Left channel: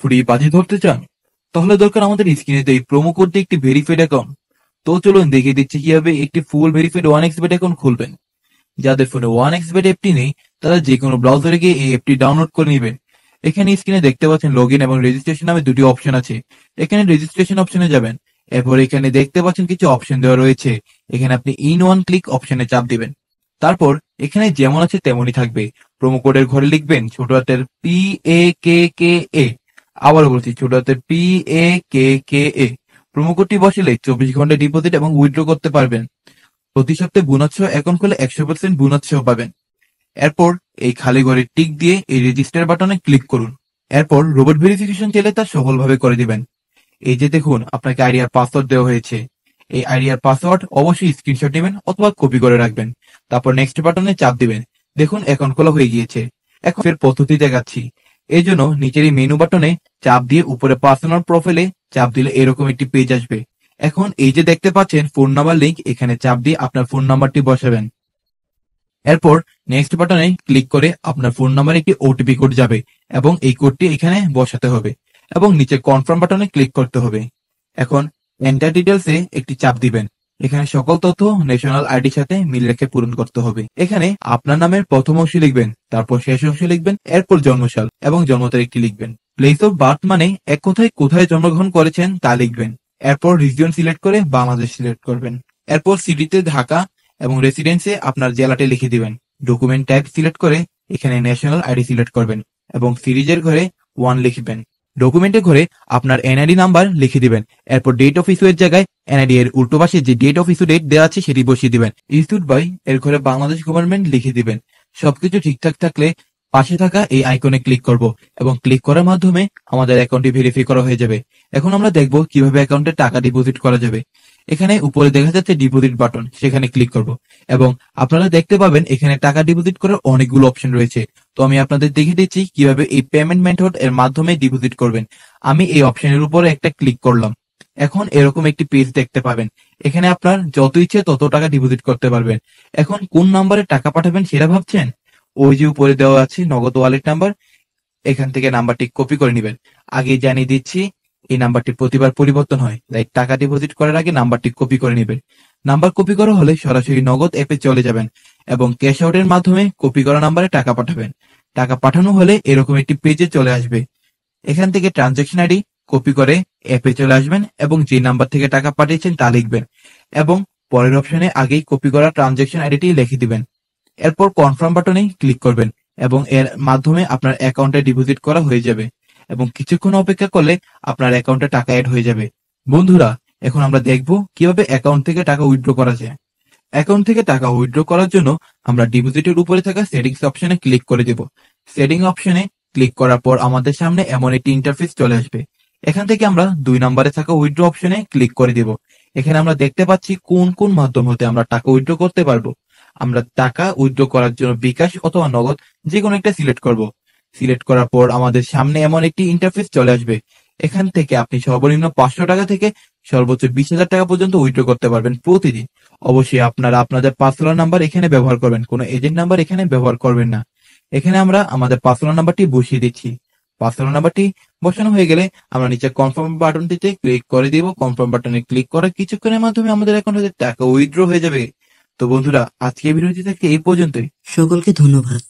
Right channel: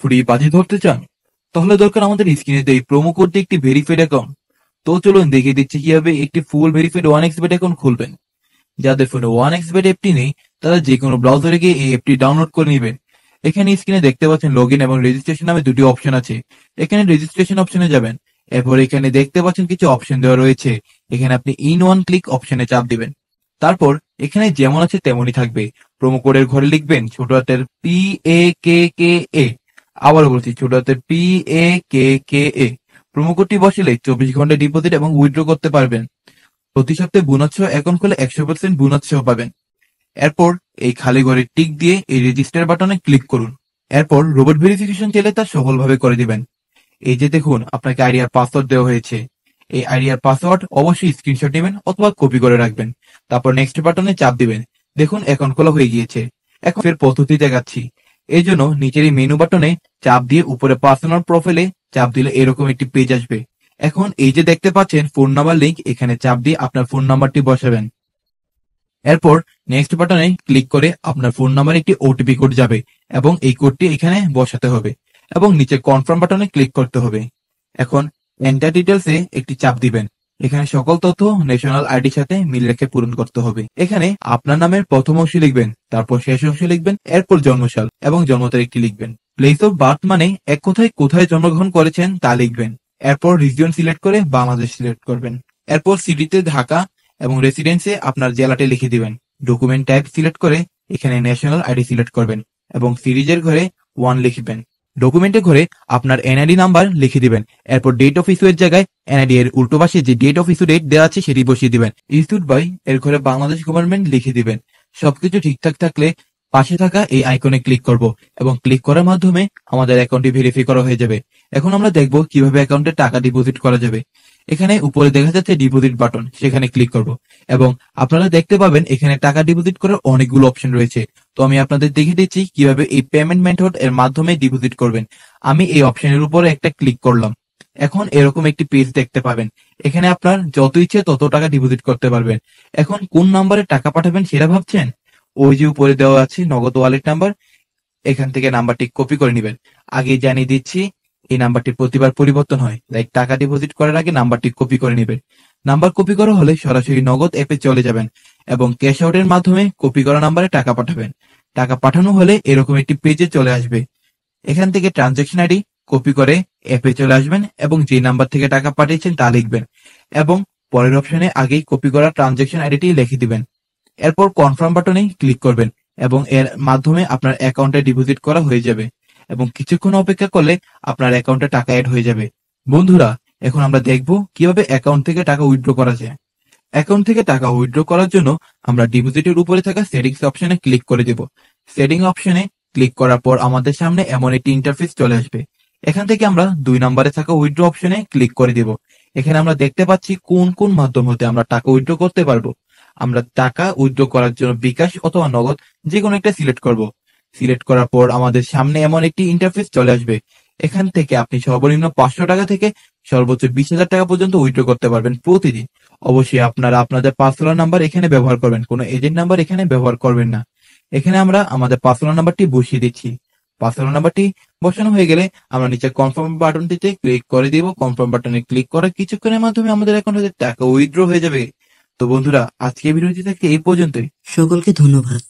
Free বাজি ধরতে চান? তাহলে দরকার আমাদের স্ক্রিনে এই প্রোমো কোড দিয়ে একটি ভেরিফাইড অ্যাকাউন্ট। তো চলুন দেখিয়ে দিচ্ছি কিভাবে একটি ফুল ভেরিফাইড 1xbet অ্যাকাউন্ট খুলবেন। যাদের ফোনে 1xbet অ্যাপটি নেই তারা যে কোনো ব্রাউজারে গিয়ে এই অ্যাপটি ডাউনলোড করে নেবেন। এখানে স্ক্রিনে দেখতে পাচ্ছেন লগইন এবং রেজিস্ট্রেশন নামে দুটি অপশন আছে। এখানে রেজিস্ট্রেশন অপশনে যাবেন। এরপর এখানে দেখতে পাচ্ছেন কিছু অপশন দেওয়া রয়েছে। এখানে আপনি ইন ওয়ান ক্লিক অপশনে চাপ দিবেন। তারপর এখানে যেমন আছে তেমনই থাকবে। প্রোমো কোডের ঘরে লিখবেন ছোট হাতের PAKKA। আবারও বলছি ছোট হাতের PAKKA। প্রোমো কোডটি বসালে 24 ঘন্টা ডিপোজিট এবং উইথড্র করতে পারবেন। প্রতি সপ্তাহে বোনাস সহ অ্যাকাউন্ট খুলে 100% বোনাস সহ পাবেন। এরপর এই খালি ঘরে টিক দিয়ে এই রেজিস্টার বাটনে ক্লিক করুন। এরপর রোবট ভেরিফিকেশন চাইলে তা সফলভাবে করে দিবেন। এই যে দেখুন আপনাকে আইডিয়ার পাসওয়ার্ড দেওয়া হয়েছে। এই আইডিয়ার পাসওয়ার্ড অবশ্যই স্ক্রিনশট নেবেন অথবা কপি করে রাখবেন। তারপর নেক্সট বাটনে চাপ দিবেন। দেখুন অ্যাকাউন্ট খোলা হয়ে গিয়েছে। এখন এর পদ্ধতি দেখাচ্ছি। এই জন্য নিচের এই মেনু বাটনে চাপ দিয়ে উপরে পার্সোনাল প্রোফাইলে চাপ দিলে এরকম একটি পেজ আসবে। এখন এই যে দেখতে পাচ্ছেন ফোন নাম্বার লিংক, এখানে চাপ দিয়ে আপনার ফোন নাম্বারটি বসাবেন। এরপর নেক্সট বাটনে ক্লিক করে আপনার ফোন নাম্বারে একটি ওটিপি কোড যাবে এবং এই কোডটি এখানে বসাতে হবে এবং নিচে কনফার্ম বাটনে ক্লিক করতে হবে। এখন এন্টার ডিটেলস এ একটি চাপ দিবেন। এখানে সকল তথ্য ন্যাশনাল আইডির সাথে মিল রেখে পূরণ করতে হবে। এখানে আপনার নামের প্রথম অংশ লিখবেন, তারপর শেষ অংশ লিখবেন, এরপর জন্মসাল এবং জন্ম তারিখটি লিখবেন। প্লেস অফ বার্থ মানে এক কথায় কোথায় জন্মগ্রহণ করেছেন তা লিখবেন। এরপর রিজিয়ন সিলেক্ট করে বাংলাদেশ সিলেক্ট করবেন। এরপর সিটিতে ঢাকা এবং রেসিডেন্সে আপনার জেলাটি লিখে দিবেন। ডকুমেন্ট টাইপ সিলেক্ট করে এখানে ন্যাশনাল আইডি সিলেক্ট করবেন এবং সিরিজের ঘরে 1 লিখবেন। ডকুমেন্টের ঘরে আপনার এনআইডি নাম্বার লিখে দিবেন। এরপর ডেট অফ ইস্যু এর জায়গায় এনআইডি এর উল্টো পাশে যে ডেট অফ ইস্যু ডেট দেওয়া আছে সেটি বসিয়ে দিবেন। ইস্যুড বাই এর ঘরে বাংলাদেশ গভর্নমেন্ট লিখে দিবেন। সবকিছু ঠিকঠাক থাকলে পাশে থাকা এই আইকনে ক্লিক করব এবং ক্লিক করার মাধ্যমে আমাদের অ্যাকাউন্টটি ভেরিফাই করা হয়ে যাবে। এখন আমরা দেখব কিভাবে অ্যাকাউন্টে টাকা ডিপোজিট করা যাবে। এখানে উপরে দেখা যাচ্ছে ডিপোজিট বাটন, সেখানে ক্লিক করব এবং আপনারা দেখতে পাবেন এখানে টাকা ডিপোজিট করার অনেকগুলো অপশন রয়েছে। তো আমি আপনাদের দেখিয়ে দিচ্ছি কিভাবে এই পেমেন্ট মেথড এর মাধ্যমে ডিপোজিট করবেন। আমি এই অপশনের উপরে একটা ক্লিক করলাম। এখন এরকম একটি পেজ দেখতে পাবেন। এখানে আপনার যত ইচ্ছে তত টাকা ডিপোজিট করতে পারবেন। এখন কোন নাম্বারে টাকা পাঠাবেন সেটা ভাবছেন? ওই যে উপরে দেওয়া আছে নগদ ওয়ালেট নাম্বার, এখান থেকে নাম্বারটি কপি করে নেবেন। আগে জানিয়ে দিচ্ছি এই নাম্বারটি প্রতিবার পরিবর্তন হয়, তাই টাকা ডিপোজিট করার আগে নাম্বারটি কপি করে নেবেন। নাম্বার কপি করা হলে সরাসরি নগদ অ্যাপে চলে যাবেন এবং ক্যাশ আউটের মাধ্যমে কপি করা নাম্বারে টাকা পাঠাবেন। টাকা পাঠানো হলে এরকম একটি পেজে চলে আসবে। এখান থেকে ট্রানজাকশন আইডি কপি করে অ্যাপে চলে আসবেন এবং যে নাম্বার থেকে টাকা পাঠিয়েছেন তা লিখবেন এবং পরের অপশনে আগেই কপি করা ট্রানজাকশন আইডিটি লিখে দিবেন। এরপর কনফার্ম বাটনে ক্লিক করবেন এবং এর মাধ্যমে আপনার অ্যাকাউন্টে ডিপোজিট করা হয়ে যাবে এবং কিছুক্ষণ অপেক্ষা করলে আপনার অ্যাকাউন্টে টাকা অ্যাড হয়ে যাবে। বন্ধুরা, এখন আমরা দেখব কিভাবে অ্যাকাউন্ট থেকে টাকা উইথড্র করা যায়। অ্যাকাউন্ট থেকে টাকা উইথড্র করার জন্য আমরা ডিপোজিটের উপরে থাকা সেটিংস অপশনে ক্লিক করে দেব। সেটিং অপশনে ক্লিক করার পর আমাদের সামনে এমন একটি ইন্টারফেস চলে আসবে। এখান থেকে আমরা 2 নম্বরে থাকা উইথড্র অপশনে ক্লিক করে দেব। এখানে আমরা দেখতে পাচ্ছি কোন কোন মাধ্যম হতে আমরা টাকা উইথড্র করতে পারবো। আমরা টাকা উইথড্র করার জন্য বিকাশ অথবা নগদ যে কোনো একটা সিলেক্ট করব। সিলেক্ট করার পর আমাদের সামনে এমন একটি ইন্টারফেস চলে আসবে। এখান থেকে আপনি সর্বনিম্ন 500 টাকা থেকে সর্বোচ্চ 20,000 টাকা পর্যন্ত উইথড্র করতে পারবেন প্রতিদিন। অবশ্যই আপনারা আপনাদের পার্সোনাল নাম্বার এখানে ব্যবহার করবেন, কোনো এজেন্ট নাম্বার এখানে ব্যবহার করবেন না। এখানে আমরা আমাদের পার্সোনাল নাম্বারটি বসিয়ে দিচ্ছি। পার্সোনাল নাম্বারটি বসানো হয়ে গেলে আমরা নিচে কনফার্ম বাটনটিতে ক্লিক করে দিব। কনফার্ম বাটনে ক্লিক করার কিছুক্ষণের মাধ্যমে আমাদের অ্যাকাউন্টে টাকা উইথড্র হয়ে যাবে। তো বন্ধুরা, আজকে ভিডিওটি থেকে এই পর্যন্তই। সকলকে ধন্যবাদ।